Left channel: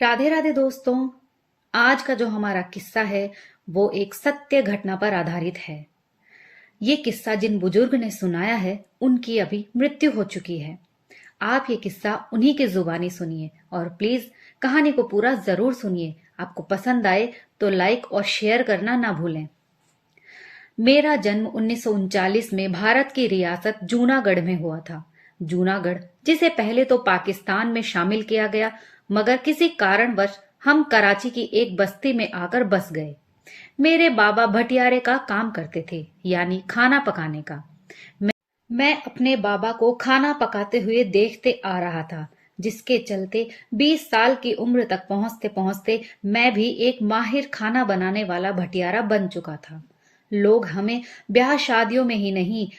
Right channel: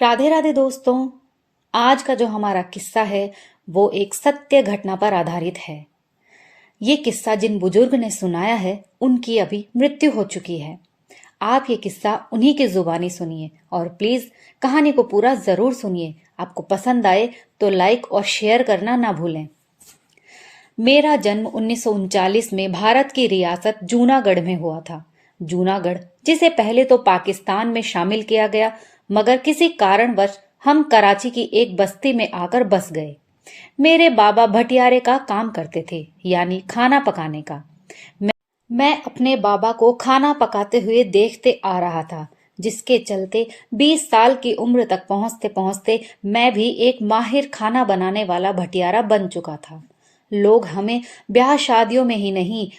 राधे राधे दोस्तों। आज का जो हमारा किस्सा है वो एक सत्य घटना पर आधारित है। ये किस्सा जिन बुजुर्ग ने सुनाया है उनकी अभी मृत्यु हो चुकी है। आप ये किस्सा उन्हीं की जुबानी सुनिए और प्लीज कहानी को पूरा जरूर सुनिए। आपको पसंद आए तो लाइक और शेयर करना ना भूलें। मेरा जन्म 1939 में भारत की रियासत जूनागढ़ में हुआ था। जूनागढ़ जिसे पहले तो पाकिस्तान में शामिल किया गया, मगर किसी कारणवश हम कराची की एक बस्ती में आकर बस गए। मेरे बाबा भटियारे का काम करते थे, यानी खाना पकाने का। मैं अपने बाबा को खाना पकाते हुए देखते आ रहा था, जिसके चलते 20 साल की उम्र तक पहुंचते पहुंचते मैं भी एक माहिर खाना बनाने वाला भटियारा बन चुका था। लोग हमें ब्याह शादियों में ही नहीं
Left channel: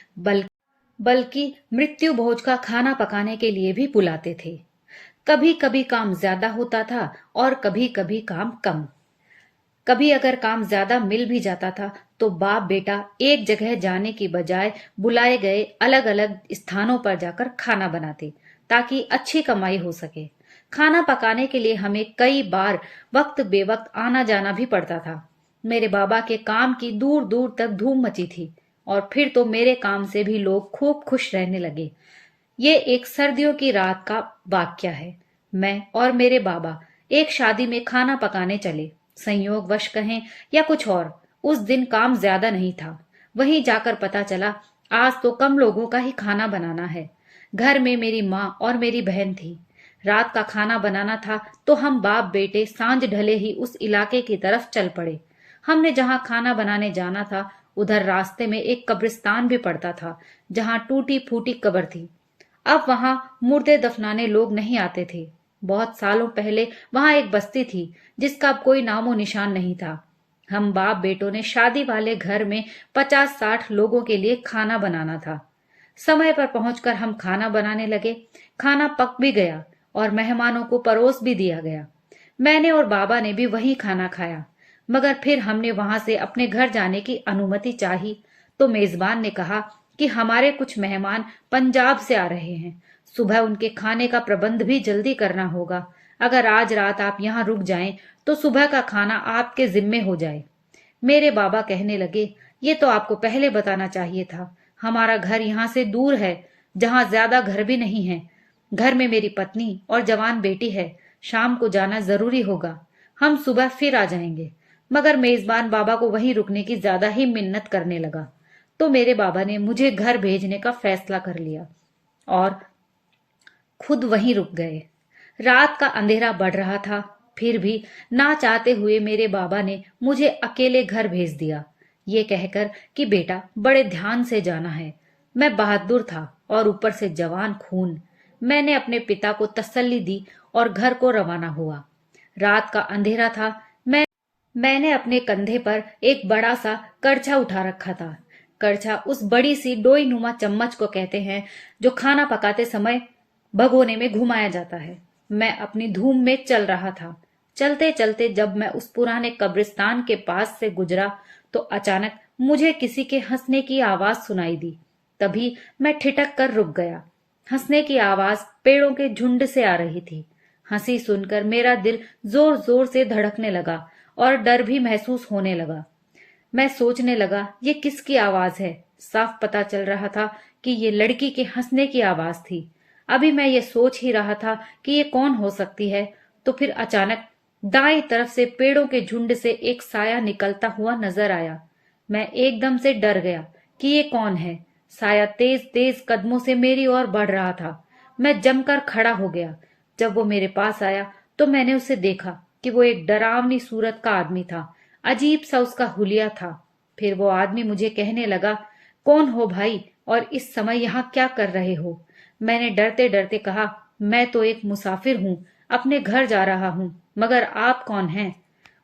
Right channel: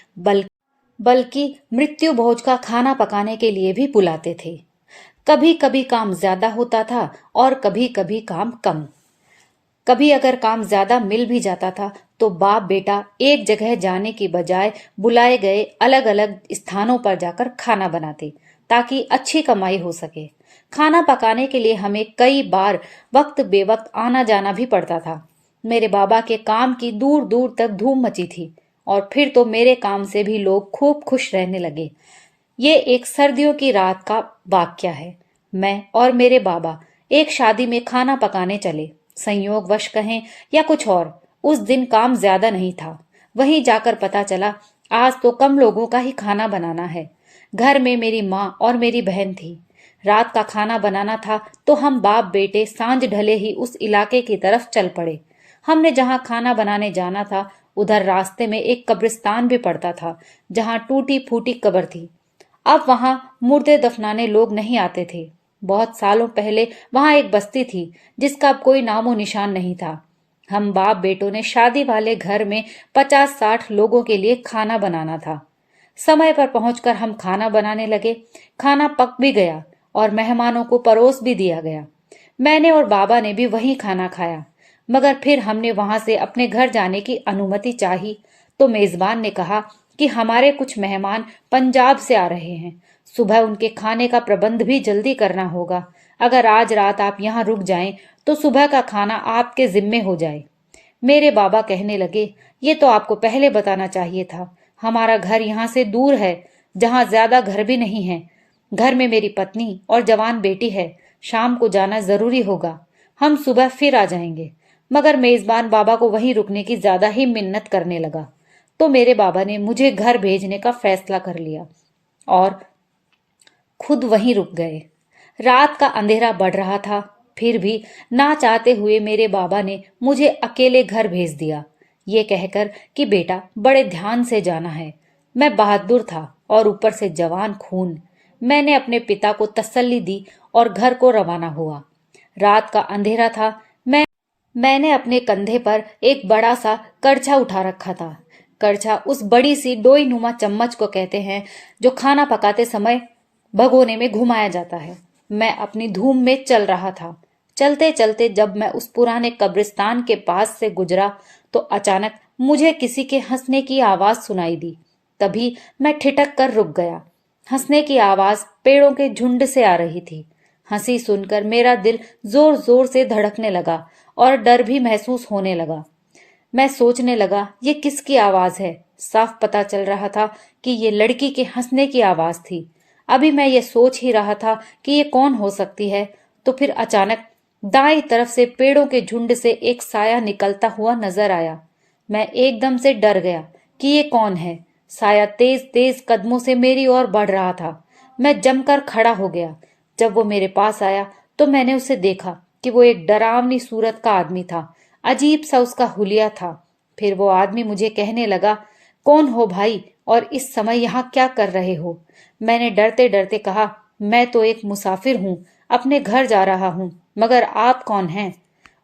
बल्कि मृत्यु भोज का खाना पकाने के लिए भी बुलाते थे। कभी कभी काम ज्यादा होता था और कभी कभी काम कम। कभी अगर काम ज्यादा मिल भी जाता था तो बाप बेटा एक जगह जाने की बजाय बुलाए गए अलग अलग स्थानों पर जाकर खाना बनाते, ताकि अच्छी कमाई हो सके। खाना पकाने के लिए हमें कई बार वक्त बेवक्त आना जाना भी पड़ता था। मेरे बाबा के काम की दूर दूर तक धूम मची थी और फिर तो मेरे काम से भी लोग खूब खुश रहने लगे। ये एक सर्दियों की रात का वाक्य है। मैं और मेरे बाबा एक शादी में खाना पकाने चले। संयोगवश कहें या कुछ और, उस दिन काम ज्यादा नहीं था। वहीं जाकर पता चला आज तो कम लोगों का ही खाना बनाना है। घर में मेरी माँ और मेरी बहन थी। रात का खाना बनाना था तो हम बाप बेटे सांझ ढले ही उस इलाके की तरफ चल पड़े। हमने जहां खाना बनाने जाना था उधर रास्ते में एक कब्रिस्तान भी पड़ता था, जहां टूटी फूटी कब्र थी। अब वहां मुर्दे दफनाने लोग नहीं आते थे। बहुत सालों पहले वहां एक बस्ती थी जिसका अब कोई नामो निशान नहीं था। हम बाप बेटों ने शादी वाले घर में 50-60 लोगों के लिए खाना बनाना था। समय पर पहुंचकर हम खाना बनाने लगे। खाना पक भी गया और मेहमानों को परोस भी दिया गया। मैंने और बाबा ने भी वहीं खाना खाया, मगर फिर हमने वहां से अपने घर जाने की अनुमति चाही तो मेजबान ने कहा कि हमारे कुछ मेहमान पंजाब से आ रहे हैं। सुबह उनके खाने का प्रबंध भी जल्दी करना होगा। अगर आज रात आप यहाँ रुक जाएं तो सुबह का खाना आपके जिम्मे हो जाए। मेरे बाबा कहने लगे, ये तो आपको पहले बताना चाहिए था। हमारा घर यहाँ से दूर है, जहाँ ज्यादा घर भी नहीं है। घर में मेरी पत्नी और जवान बेटी है। शाम को जाना जरूरी होगा। हम सुबह फिर आ जाएंगे। मगर मेजबान बाबा को वहीं रुकने की ज्यादा ही मिन्नत करने लगा, तो मेरे बाबा ने मुझे घर भेजने का फैसला कर लिया और खुद वहीं रुक गए। रात का अंधेरा बढ़ रहा था, फिर भी ना चाहते हुए मेरे बाबा ने मुझे अकेले घर भेज दिया, ये कहकर कि बेटा बड़े ध्यान से जाना है। मैं बहादुर था और ऊपर से जवान खून। मैंने अपने पिता को तसल्ली दी और घर को रवाना हुआ। रात का अंधेरा था। मैंने अपने कंधे पर एक बड़ा सा करछा उठा रखा था। करछा उस बड़ी सी डोई नुमा चम्मच को कहते हैं जो खाना पकाते समय भगोने में घुमाया जाता है। मैं अपनी धूम में चल रहा था। चलते चलते जब मैं उस पुराने कब्रिस्तान के पास से गुजरा तो अचानक मुझे किसी के हंसने की आवाज सुनाई दी। तभी मैं ठिठक कर रुक गया। हंसने की आवाज पेड़ों के झुंड से आ रही थी। हंसी सुनकर मेरा दिल जोर जोर से धड़कने लगा और डर भी महसूस होने लगा। मैं सोचने लगा, ये किसकी आवाज है। साफ पता चल रहा था कि ये लड़की के हंसने की आवाज थी। अभी मैं ये सोच ही रहा था कि ये कौन हो सकती है, तो फिर अचानक दाईं तरफ से पेड़ों के झुंड से एक साया निकलता हुआ नजर आया। मैं एकदम से डर गया कि ये कौन है। साया तेज तेज कदमों से मेरी ओर बढ़ रहा था। मैं जमकर खड़ा हो गया। जब वो मेरे पास आया तो मैंने उसे देखा कि वो एक डरावनी सूरत का आदमी था। अजीब सा उसका हुलिया था। फिर वो आदमी मुझे कहने लगा, कौन हो भाई और इस समय यहाँ क्या कर रहे हो। मैंने डरते डरते कहा, मैं तो एक मुसाफिर हूँ, अपने घर जा रहा हूँ, मगर आप कौन हैं।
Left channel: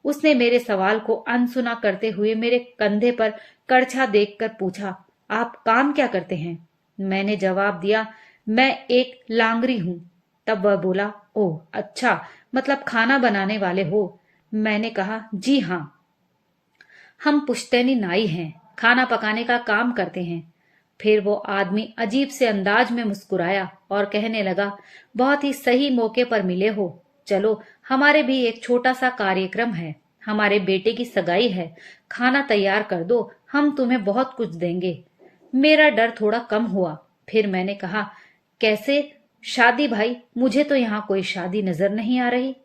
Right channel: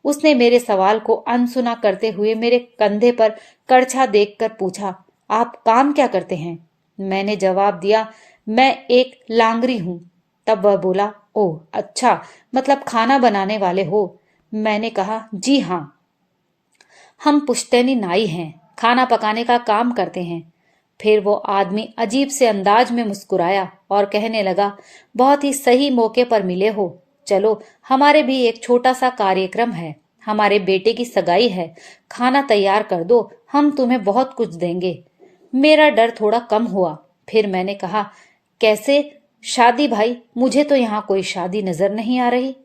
उसने मेरे सवाल को अनसुना करते हुए मेरे कंधे पर करछा देखकर पूछा, आप काम क्या करते हैं। मैंने जवाब दिया, मैं एक लांगरी हूँ। तब वह बोला, ओह अच्छा, मतलब खाना बनाने वाले हो। मैंने कहा, जी हाँ, हम पुश्तैनी नाई हैं, खाना पकाने का काम करते हैं। फिर वो आदमी अजीब से अंदाज में मुस्कुराया और कहने लगा, बहुत ही सही मौके पर मिले हो। चलो, हमारे भी एक छोटा सा कार्यक्रम है, हमारे बेटे की सगाई है, खाना तैयार कर दो, हम तुम्हें बहुत कुछ देंगे। मेरा डर थोड़ा कम हुआ। फिर मैंने कहा, कैसे शादी भाई? मुझे तो यहाँ कोई शादी नजर नहीं आ रही।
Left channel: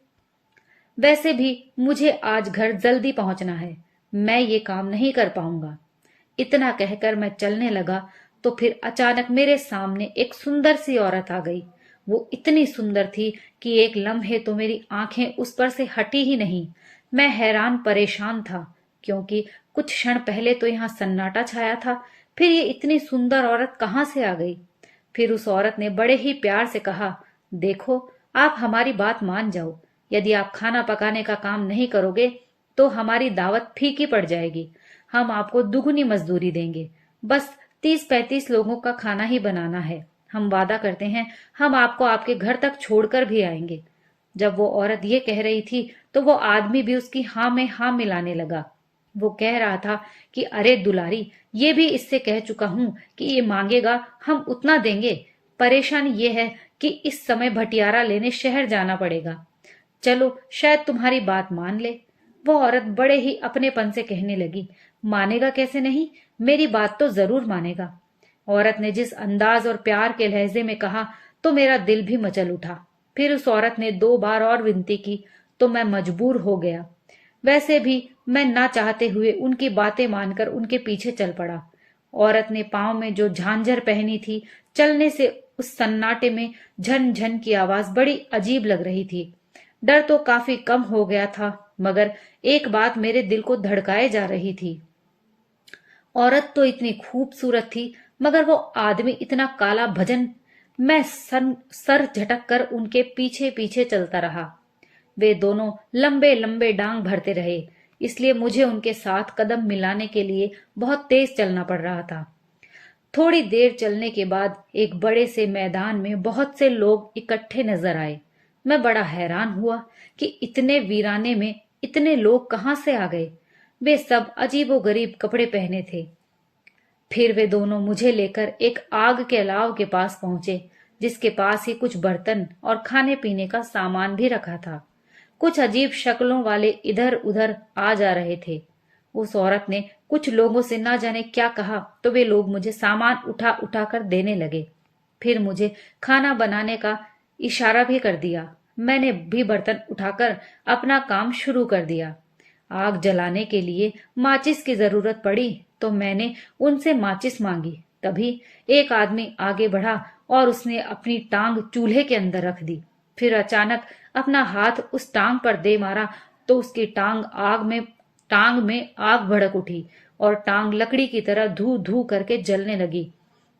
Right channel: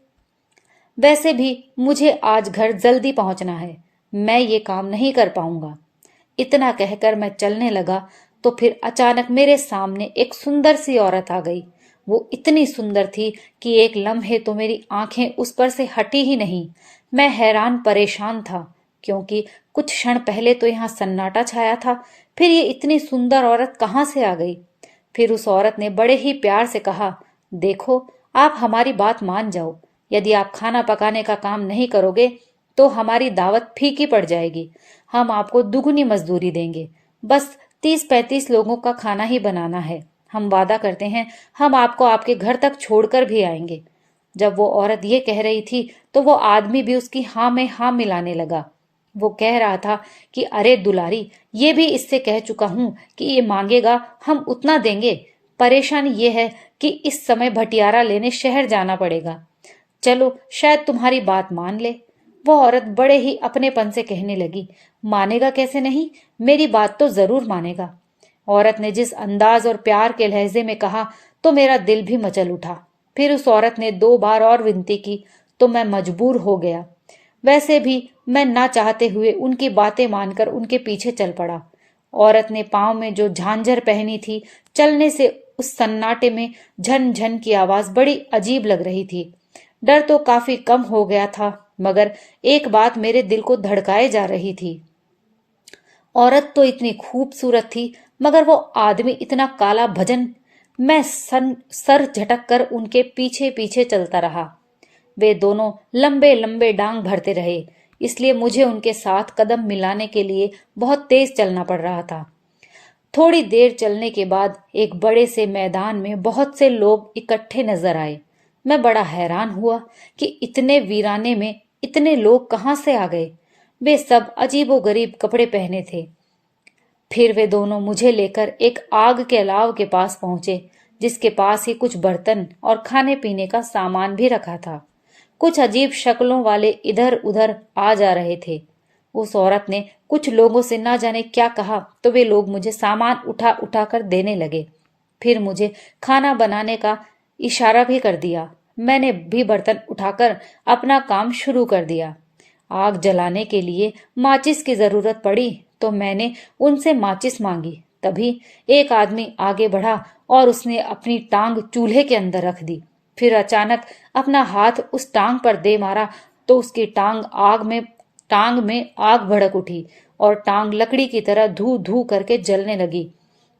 वैसे भी मुझे आज घर जल्दी पहुंचना है, मैं ये काम नहीं कर पाऊंगा। इतना कहकर मैं चलने लगा तो फिर अचानक मेरे सामने एक सुंदर सी औरत आ गई। वो इतनी सुंदर थी कि एक लम्हे तो मेरी आंखें उस पर से हटी ही नहीं। मैं हैरान परेशान था, क्योंकि कुछ क्षण पहले तो यहाँ सन्नाटा छाया था, फिर ये इतनी सुंदर औरत कहाँ से आ गई? फिर उस औरत ने बड़े ही प्यार से कहा, देखो, आप हमारी बात मान जाओ। यदि आप खाना पकाने का काम नहीं करोगे तो हमारी दावत फीकी पड़ जाएगी। हम आपको दुगनी मजदूरी देंगे। बस 30-35 लोगों का खाना ही बनाना है। हम वादा करते हैं, हम आपको आपके घर तक छोड़कर भी आएंगे। जब वो औरत ये कह रही थी तो वो आदमी भी उसकी हाँ में हाँ मिलाने लगा। वो कह रहा था कि अरे दुलारी, ये भी इससे कह चुका हूं कि ये मांगेगा हम उतना देंगे। परेशानी ये है कि इस समय भटियारा लेने शहर जाना पड़ेगा। चलो, शायद तुम्हारी बात मान ले। वो औरत बड़े ही अपनेपन से कहने लगी, मानेगा कैसे नहीं, मेरी बात तो जरूर मानेगा। औरत ने जिस अंदाज और प्यार के लहजे में कहा तो मेरा दिल भी मचल उठा। फिर उस औरत ने 2 बार और विनती की तो मैं मजबूर हो गया। वैसे भी मैं ना चाहते हुए उनकी बातें मानकर उनके पीछे चल पड़ा। औरत ने पांव में जो झांझर पहनी थी, चलने से उस सन्नाटे में झन झन की आवाज बड़ी अजीब लग रही थी। डर तो काफी कम हो गया था, मगर एक बात मेरे दिल को धड़काए जा रही थी। औरत तो इतनी खूबसूरत थी, मगर वो आदमी इतना काला भजन। मैं सर झटक कर उनके पीछे पीछे चलता रहा। वे दोनों लंबे लंबे डांग भरते रहे, इसलिए मुझे उनके साथ कदम मिलाने के लिए बहुत तेज चलना पड़ रहा था। थोड़ी देर चलने के बाद एक बड़े से मैदान में बहुत से लोग इकट्ठे नजर आए। मैं बड़ा हैरान हुआ कि इतने वीराने में इतने लोग कहाँ से आ गए। वे सब अजीबोगरीब कपड़े पहने थे। फिर वे दोनों मुझे लेकर एक आग के अलाव के पास पहुंचे, जिसके पास ही कुछ बर्तन और खाने पीने का सामान भी रखा था। कुछ अजीब शक्लों वाले इधर उधर आ जा रहे थे। उस औरत ने कुछ लोगों से ना जाने क्या कहा तो वे लोग मुझे सामान उठा उठा कर देने लगे। फिर मुझे खाना बनाने का इशारा भी कर दिया। मैंने भी बर्तन उठाकर अपना काम शुरू कर दिया। आग जलाने के लिए माचिस की जरूरत पड़ी तो मैंने उनसे माचिस मांगी। तभी एक आदमी आगे बढ़ा और उसने अपनी टांग चूल्हे के अंदर रख दी। फिर अचानक अपना हाथ उस टांग पर दे मारा तो उसकी टांग में आग भड़क उठी और टांग लकड़ी की तरह धू धू करके जलने लगी।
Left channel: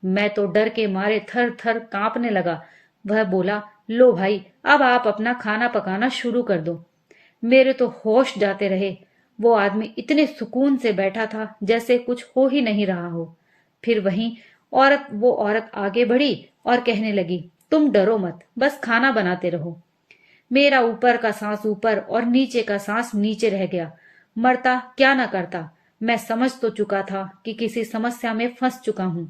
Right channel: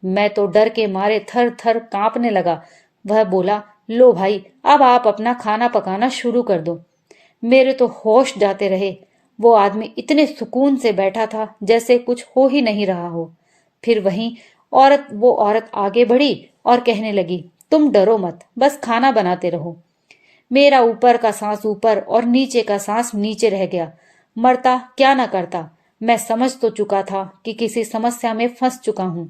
मैं तो डर के मारे थर थर कांपने लगा। वह बोला, लो भाई, अब आप अपना खाना पकाना शुरू कर दो। मेरे तो होश जाते रहे। वो आदमी इतने सुकून से बैठा था जैसे कुछ हो ही नहीं रहा हो। फिर वो औरत आगे बढ़ी और कहने लगी, तुम डरो मत, बस खाना बनाते रहो। मेरा ऊपर का सांस ऊपर और नीचे का सांस नीचे रह गया। मरता क्या न करता। मैं समझ तो चुका था कि किसी समस्या में फंस चुका हूं।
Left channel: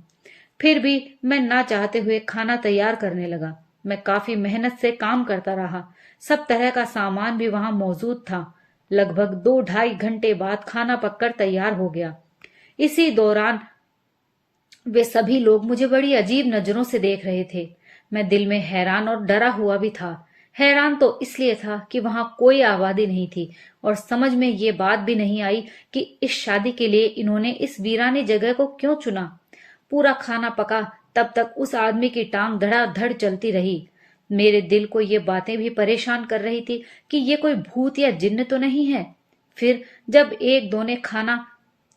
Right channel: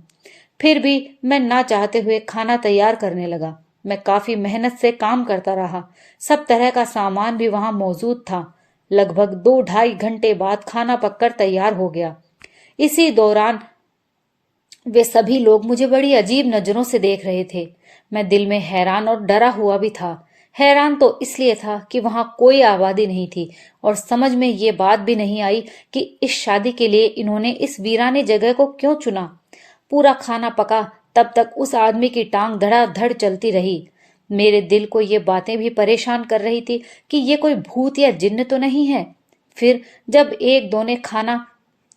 फिर भी मैं ना चाहते हुए खाना तैयार करने लगा। मैं काफी मेहनत से काम करता रहा। सब तरह का सामान भी वहां मौजूद था। लगभग 2-2.5 घंटे बाद खाना पककर तैयार हो गया। इसी दौरान वे सभी लोग मुझे बड़ी अजीब नजरों से देख रहे थे। मैं दिल में हैरान और डरा हुआ भी था। हैरान तो इसलिए था कि वहां कोई आबादी नहीं थी और समझ में ये बात भी नहीं आई कि इस शादी के लिए इन्होंने इस वीराने जगह को क्यों चुना। पूरा खाना पका तब तक उस आदमी की टांग धड़ाधड़ चलती रही। मेरे दिल को ये बातें भी परेशान कर रही थी कि ये कोई भूत या जिन्न तो नहीं है। फिर जब एक दो ने खाना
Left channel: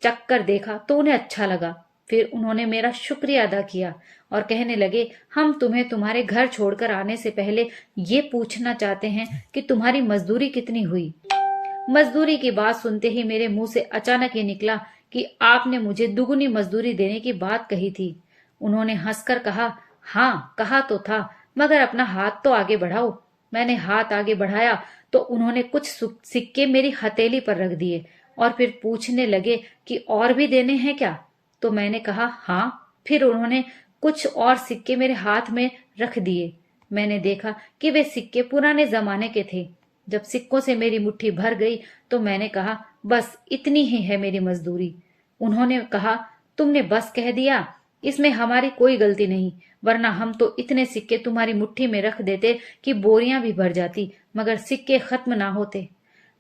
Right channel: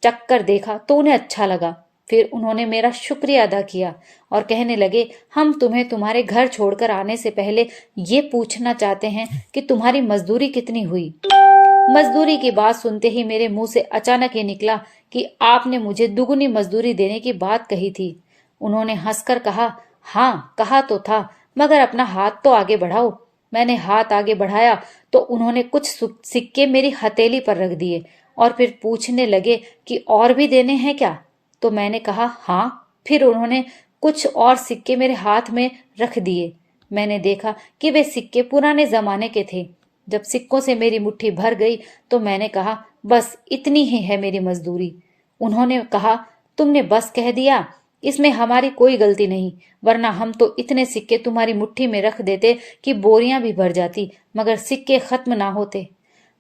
चख कर देखा तो उन्हें अच्छा लगा। फिर उन्होंने मेरा शुक्रिया अदा किया और कहने लगे, हम तुम्हें तुम्हारे घर छोड़कर आने से पहले ये पूछना चाहते हैं कि तुम्हारी मजदूरी कितनी हुई। मजदूरी की बात सुनते ही मेरे मुंह से अचानक ये निकला कि आपने मुझे दुगनी मजदूरी देने की बात कही थी। उन्होंने हंसकर कहा, हाँ कहा तो था, मगर अपना हाथ तो आगे बढ़ाओ। मैंने हाथ आगे बढ़ाया तो उन्होंने कुछ सिक्के मेरी हथेली पर रख दिए और फिर पूछने लगे कि और भी देने हैं क्या। तो मैंने कहा हाँ। फिर उन्होंने कुछ और सिक्के मेरे हाथ में रख दिए। मैंने देखा कि वे सिक्के पुराने जमाने के थे। जब सिक्कों से मेरी मुट्ठी भर गई तो मैंने कहा, बस इतनी ही है मेरी मजदूरी। उन्होंने कहा, तुमने बस कह दिया, इसमें हमारी कोई गलती नहीं, वरना हम तो इतने सिक्के तुम्हारी मुट्ठी में रख देते कि बोरियां भी भर जाती, मगर सिक्के खत्म ना होते।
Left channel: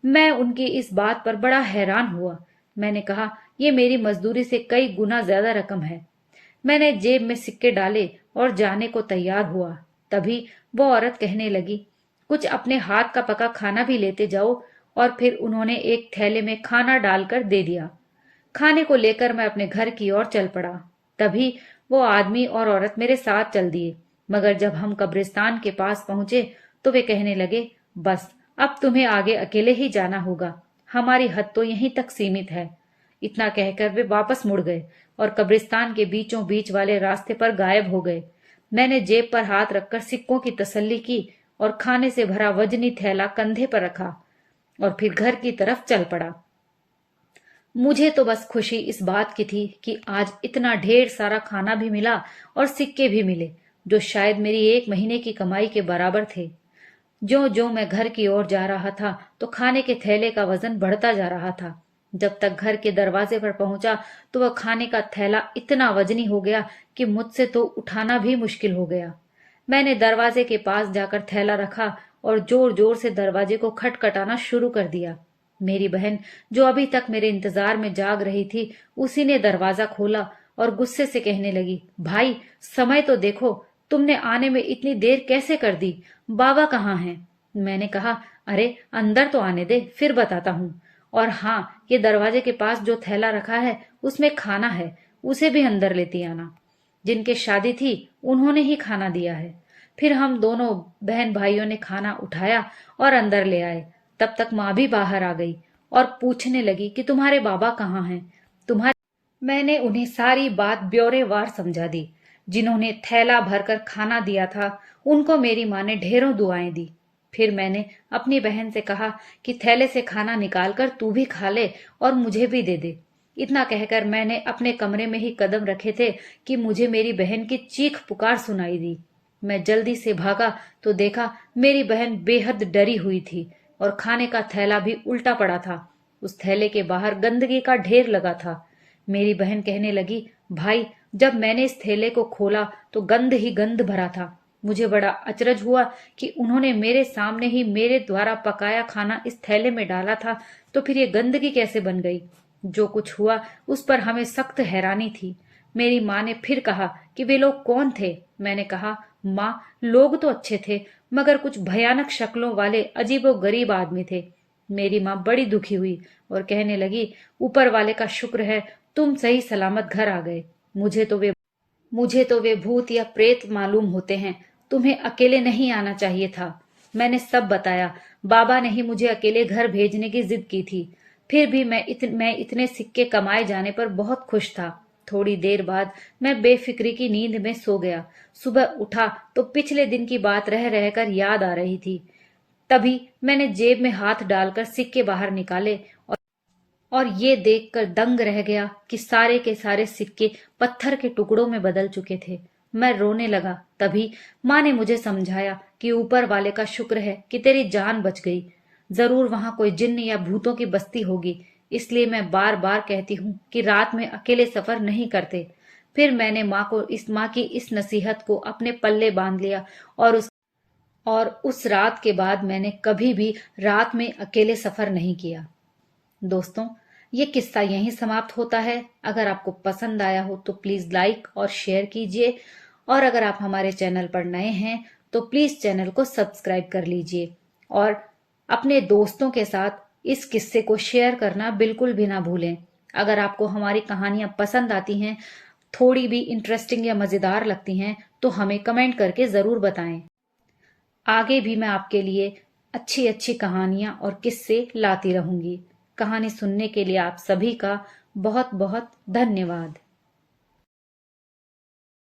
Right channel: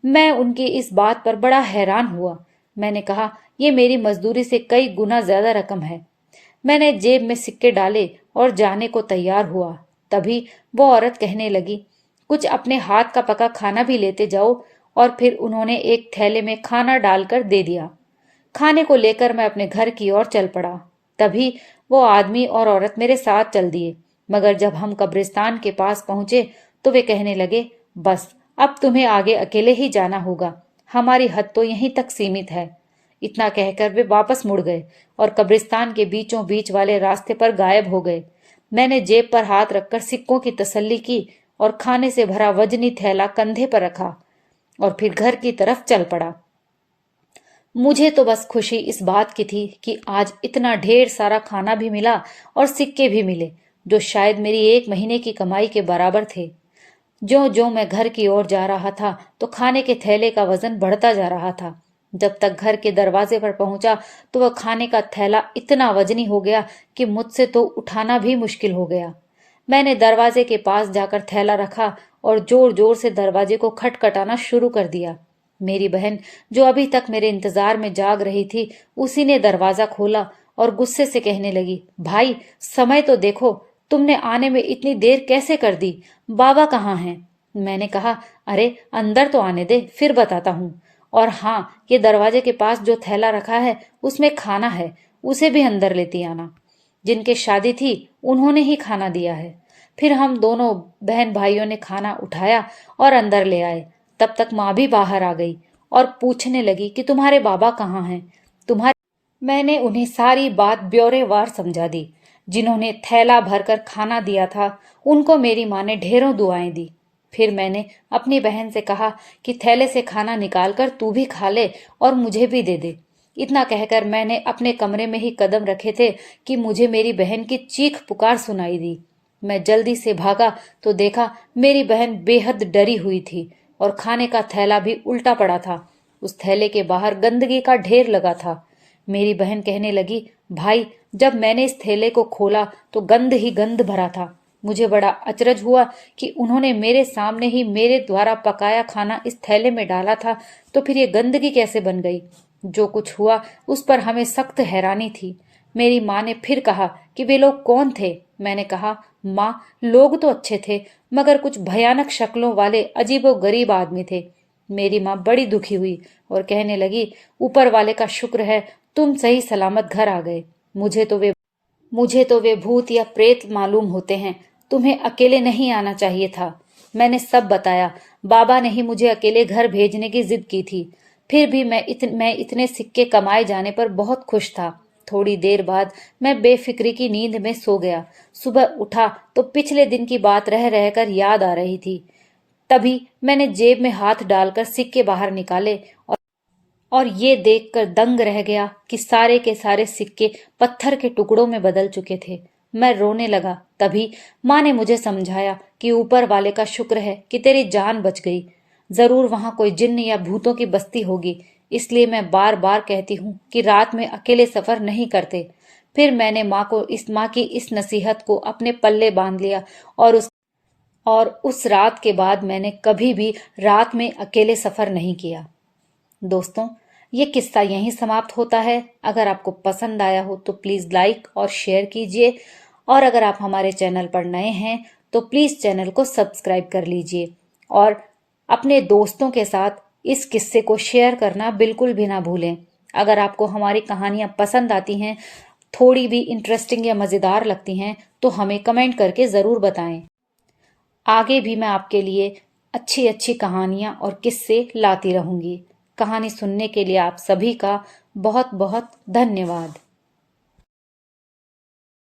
मैं उनकी इस बात पर बड़ा हैरान हुआ। मैंने कहा, यह मेरी मजदूरी से कई गुना ज्यादा रकम है। मैंने जेब में सिक्के डाले और जाने को तैयार हुआ। तभी वो औरत कहने लगी, कुछ अपने हाथ का पका खाना भी लेते जाओ। और फिर उन्होंने एक थैले में खाना डालकर दे दिया। खाने को लेकर मैं अपने घर की ओर चल पड़ा। तभी वो आदमी और औरत मेरे साथ चल दिए, मगर जब हम कब्रिस्तान के पास पहुंचे तो वे कहने लगे, बस अब तुम्हें आगे अकेले ही जाना होगा, हमारी हद तो यहीं तक सीमित है। इतना कहकर वे वापस मुड़ गए और कब्रिस्तान के बीचों बीच वाले रास्ते पर गायब हो गए। मैंने जेब पर हाथ रखकर सिक्कों की तसल्ली की और खाने से भरा वजनी थैला कंधे पर रखा और फिर घर की तरफ चल पड़ा। मुझे तो बस खुशी इस बात की थी कि आज इतना ढेर सारा खाना भी मिला और सिक्के भी मिले, जो शायद मेरी 1 महीने की कमाई के बराबर थे। जो जो मैं घर की ओर जा रहा था तो खाने के थैले का वजन बढ़ता जा रहा था। जब तक घर के दरवाजे पर पहुंचा तो वह खाने का थैला इतना वजनी हो गया कि मुझसे तो उठाना भी मुश्किल हो गया। मैंने दरवाजे के पास जाकर थैला रखा और जोर जोर से दरवाजे को खटखटाना शुरू कर दिया। मेरी बहन, जो अभी तक मेरे इंतजार में जाग रही थी, उसी ने दरवाजा खोला और गुस्से से कहने लगी, भाई समय तो देखो, तुमने आने में इतनी देर कैसे कर दी? बाबा कहाँ हैं? मैंने कहा, अरे अंदर तो आने दे, फिर बताता हूँ। और हाँ, ये दरवाजे के पास जो थैला रखा है उसमें खाना है, उसे भी अंदर लेती आना। जिनके शादी थी उन्होंने ही खाना दिया है। फिर हम दोनों बहन भाइयों ने खाना उठाया और अंदर ले आए। तब तक माँ भी बाहर आ गई और पूछने लगी कि तुम्हारे बाबा कहाँ हैं? तुम्हारे मैंने उन्हें सारी बात ब्यौरेवार समझा दी। जिन्होंने थैला भरकर खाना दिया था उनको मेरी माँ ने ढेरों दुआएं दी। फिर मैंने अपनी बहन से कहा कि थैले से खाना निकालकर तू भी खा ले और मुझे भी दे दे। इतना कहकर मैंने अपने कमरे में ही कदम रखे थे कि मुझे मेरी बहन की चीख पुकार सुनाई दी। मैं जल्दी से भागा तो देखा मेरी बहन बेहद डरी हुई थी और खाने का थैला भी उल्टा पड़ा था। उस थैले के बाहर गंदगी का ढेर लगा था। मेरी बहन कहने लगी, भाई जब मैंने इस थैले को खोला तो गंद ही गंद भरा था। मुझे बड़ा अचरज हुआ कि उन्होंने मेरे सामने ही मेरे द्वारा पकाया खाना इस थैले में डाला था, तो फिर ये गंदगी कैसे बन गई? जो कुछ हुआ उस पर हमें सख्त हैरानी थी। मेरी माँ ने फिर कहा कि वे लोग कौन थे? मैंने कहा, माँ लोग तो अच्छे थे, मगर कुछ भयानक शक्लों वाले अजीबोगरीब आदमी थे। मेरी माँ बड़ी दुखी हुई और कहने लगी, ऊपर वाले का शुक्र है तुम सही सलामत घर आ गए। मुझे तो वे भूत या प्रेत मालूम होते हैं। तुम्हें अकेले नहीं आना चाहिए था। मैंने सब बताया। बाबा ने ही मुझे अकेले घर भेजने की जिद की थी। फिर भी मैं इतने सिक्के कमाए जाने पर बहुत खुश था। थोड़ी देर बाद मैं बेफिक्री की नींद में सो गया। सुबह उठा तो पिछले दिन की बात रह रहकर याद आ रही थी। तभी मैंने जेब में हाथ डालकर सिक्के बाहर निकाले और ये देखकर दंग रह गया कि सारे के सारे सिक्के पत्थर के टुकड़ों में बदल चुके थे। मैं रोने लगा। तभी माँ ने मुझे समझाया कि ऊपर वाले का शुक्र है कि तेरी जान बच गई। जरूर वहां कोई जिन्न या भूतों की बस्ती होगी, इसलिए मैं बार बार कहती हूँ कि रात में अकेले सफर नहीं करते। फिर मैंने माँ की इस नसीहत को अपने पल्ले बांध लिया और उस रात के बाद मैंने कभी भी रात में अकेले सफर नहीं किया। दोस्तों, ये किस्सा यहीं समाप्त होता है। अगर आपको पसंद आया हो तो प्लीज लाइक और शेयर कीजिए, और अगर आप हमारे चैनल पर नए हैं तो प्लीज चैनल को सब्सक्राइब कर लीजिए और अपने दोस्तों के साथ इस किस्से को शेयर करना बिल्कुल भी ना भूलें। अगर आपको हमारी कहानियां पसंद आती हैं, थोड़ी भी इंटरेस्टिंग या मजेदार लगती हैं, तो हमें कमेंट करके जरूर बताएं। आगे भी मैं आपके लिए अच्छी अच्छी कहानियां और किस्से लाती रहूंगी। कहानी सुनने के लिए आप सभी का बहुत बहुत धन्यवाद।